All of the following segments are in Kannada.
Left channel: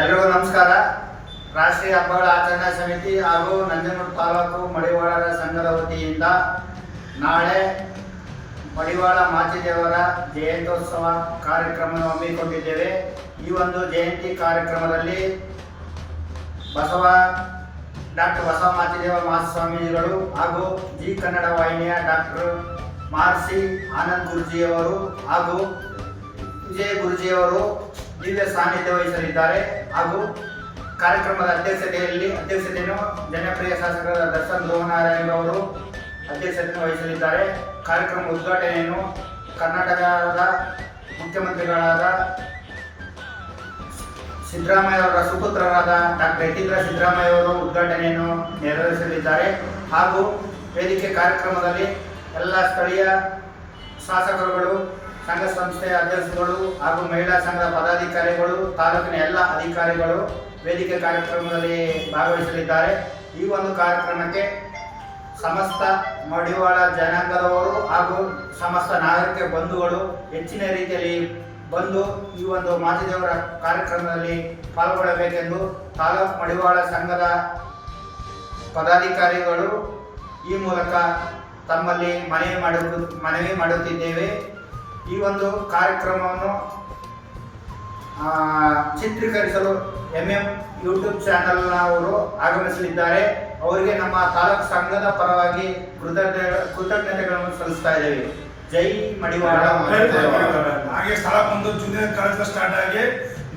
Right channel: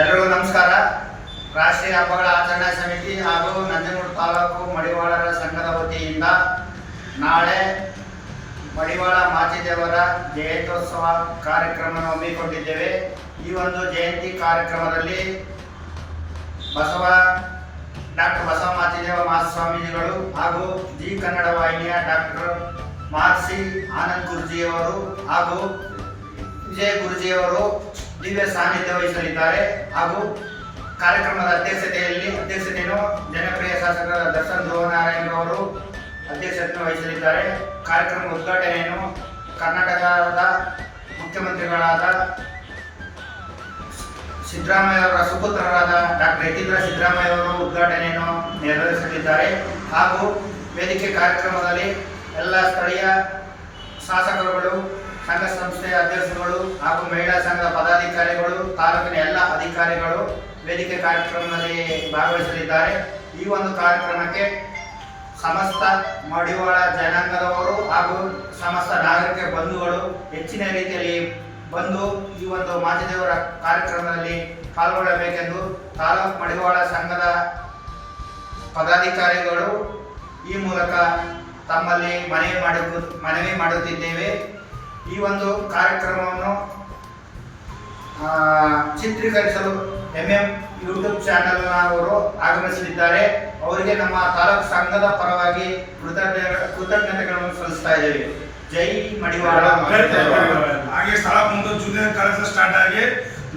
ಎಲ್ರಿಗೂ ನಮಸ್ಕಾರ. ರಾಷ್ಟ್ರೀಯ ಹಬ್ಬಗಳ ಆಚರಣಾ ಸಮಿತಿ ಹಾಗೂ ನಂಜನೂರು ತಾಲೂಕು ಮಡಿವಾಳರ ಸಂಘದ ವತಿಯಿಂದ ನಾಳೆ ಮಡಿವಾಳ ಮಾಚಿದೇವರ ಜಯಂತ್ಯೋತ್ಸವ ಕಾರ್ಯಕ್ರಮ ಹಮ್ಮಿಕೊಂಡಿದ್ದೇವೆ. ಈ ಒಂದು ಜಯಂತಿ ಕಾರ್ಯಕ್ರಮದಲ್ಲಿ ಬಸವ, ಡಾಕ್ಟರ್ ಬಸವ ಮಾಚಿದೇವ ಮಹಾಸ್ವಾಮೀಜಿಗಳು ಹಾಗೂ ಜಿ ಕನ್ನಡ ವಾಹಿನಿಯ ಡಾಕ್ಟರ್ ಮಾರ್ಸಿ ಆನಂದ್ ಗುರುಜಿಯವರು ಹಾಗೂ ವಿಜಯ ಗುರುಜಿಯವರು ದಿವ್ಯ ಸಾನ್ನಿಧ್ಯ ವಹಿಸಲಿದ್ದಾರೆ. ಹಾಗೂ ಕಾರ್ಯಕ್ರಮದ ಅಧ್ಯಕ್ಷತೆಯಲ್ಲಿ ಅಧ್ಯಕ್ಷತೆಯನ್ನು ಜನಪ್ರಿಯ ಶಾಸಕರ ದರ್ಶನ್ ಧ್ರುವನಾರಾಯಣ ಅವರು ಅಧ್ಯಕ್ಷತೆಯನ್ನು ವಹಿಸಲಿದ್ದಾರೆ. ಕಾರ್ಯಕ್ರಮ ಉದ್ಘಾಟನೆಯನ್ನು ಕರ್ನಾಟಕದ ಮುಖ್ಯಮಂತ್ರಿಗಳಾದ ಸಿದ್ದರಾಮಯ್ಯ ಅವರ ಸುಪುತ್ರರಾದ ಡಾಕ್ಟರ್ ಯತೀಂದ್ರ ಸಿದ್ದರಾಮಯ್ಯ ಅವರು ಉದ್ಘಾಟನೆಯನ್ನು ನೆರವೇರಿಸಲಿದ್ದಾರೆ. ಹಾಗೂ ವೇದಿಕೆ ಕಾರ್ಯಕ್ರಮದಲ್ಲಿ ಎಲ್ಲ ಸ್ಥಳೀಯ ಶಾಸಕರುಗಳು ಸಂಘ ಸಂಸ್ಥೆಯ ಅಧ್ಯಕ್ಷರುಗಳು ಹಾಗೂ ಮಹಿಳಾ ಸಂಘದ ಪದಾಧಿಕಾರಿಗಳು, ತಾಲೂಕಿನ ಎಲ್ಲ ಅಧಿಕಾರಿಗಳು ವೇದಿಕೆ ಕಾರ್ಯಕ್ರಮದಲ್ಲಿ ಭಾಗವಹಿಸಲಿದ್ದಾರೆ. ಈ ಒಂದು ಕಾರ್ಯಕ್ರಮಕ್ಕೆ ಸಮಸ್ತ ಮಡಿವಾಳ ಜನಾಂಗದವರು ಹಾಗೂ ಸಮಸ್ತ ನಾಗರಿಕ ಬಂಧುಗಳು ಹೆಚ್ಚಿನ ರೀತಿಯಲ್ಲಿ ಬಂದು ಈ ಒಂದು ಮಾಚಿದೇವರ ಕಾರ್ಯಕ್ರಮದಲ್ಲಿ ಪಾಲ್ಗೊಳ್ಳಬೇಕೆಂದು ತಾಲೂಕು ಮಡಿವಾಳ ಸಂಘದ ಪದಾಧಿಕಾರಿಗಳು ಈ ಮೂಲಕ ತಮ್ಮಲ್ಲಿ ಮನವಿ ಮಾಡಿ ಮನವಿ ಮಾಡುತ್ತಿದ್ದೇವೆ. ಈ ಒಂದು ಕಾರ್ಯಕ್ರಮವನ್ನು ಚಿತ್ರೀಕರಿಸಲು ಎಂ ಎಂ ಯೂಟ್ಯೂಬ್ ಚಾನೆಲ್ ಅವರು ಆಗಮಿಸಲಿದ್ದಾರೆ. ಅವರಿಗೆ ನಮ್ಮ ತಾಲೂಕು ಸಂಘದ ಪರವಾಗಿ ಕೃತಜ್ಞ, ಕೃತಜ್ಞತೆಗಳನ್ನು ಸಲ್ಲಿಸ್ತಾ ಇದ್ದೇವೆ. ಜೈ ಮಡಿವಾಳ. ಹಾಗೆ ಸ್ಥಳ ಬಂದು ಜೂನಿಯರ್ ಕಾಲೇಜ್ ಸ್ಟಾರ್ಟ್ ಆಗಿ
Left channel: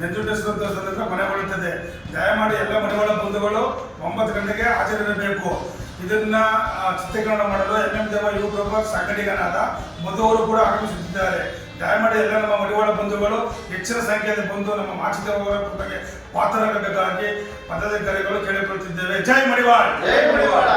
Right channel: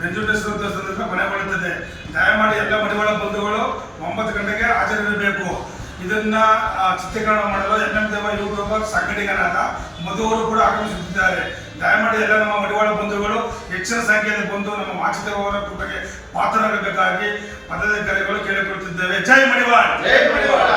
ನಂಜುಂಡೇಶ್ವರ ಮನೆ ಬರುತ್ತದೆ ದಯಮಾಡಿ ಎಲ್ಲ ಮಡಿವಾಳ ಬಂಧುಗಳು ಒಂಬತ್ತು ಗಂಟೆಗೆ ಹಾಜರಿರಬೇಕು ಇದನ್ನ ಚಿತ್ರೀಕರಣ ಮಾಡಲು ಎಂ ಎಂ ದೇವ ಯೂಟ್ಯೂಬರ್ ಸಂಘಟಕನಾದ ಮಧು ಅವರು ಕೂಡ ಆಗಮಿಸುತ್ತಿದ್ದಾರೆ ದಯಮಾಡಿ ಎಲ್ಲ ನಮ್ಮ ಮಡಿವಾಳ ಬಂಧುಗಳು, ಹೆಚ್ಚಿನ ಸಂಖ್ಯೆಯಲ್ಲಿ ಬಂದು ನಮ್ಮ ಮಾಚಿದೇವ ಅವರ ಕೃಪೆಗೆ ಪಾತ್ರರಾಗಬೇಕಾಗಿ ಪದಾಧಿಕಾರಿಗಳು ಕೇಳಿಕೊಳ್ಳುತ್ತಿದ್ದೇವೆ ಜೈ ಮಡಿವಾಳ! ಜೈ ಮಡಿವಾಳ್!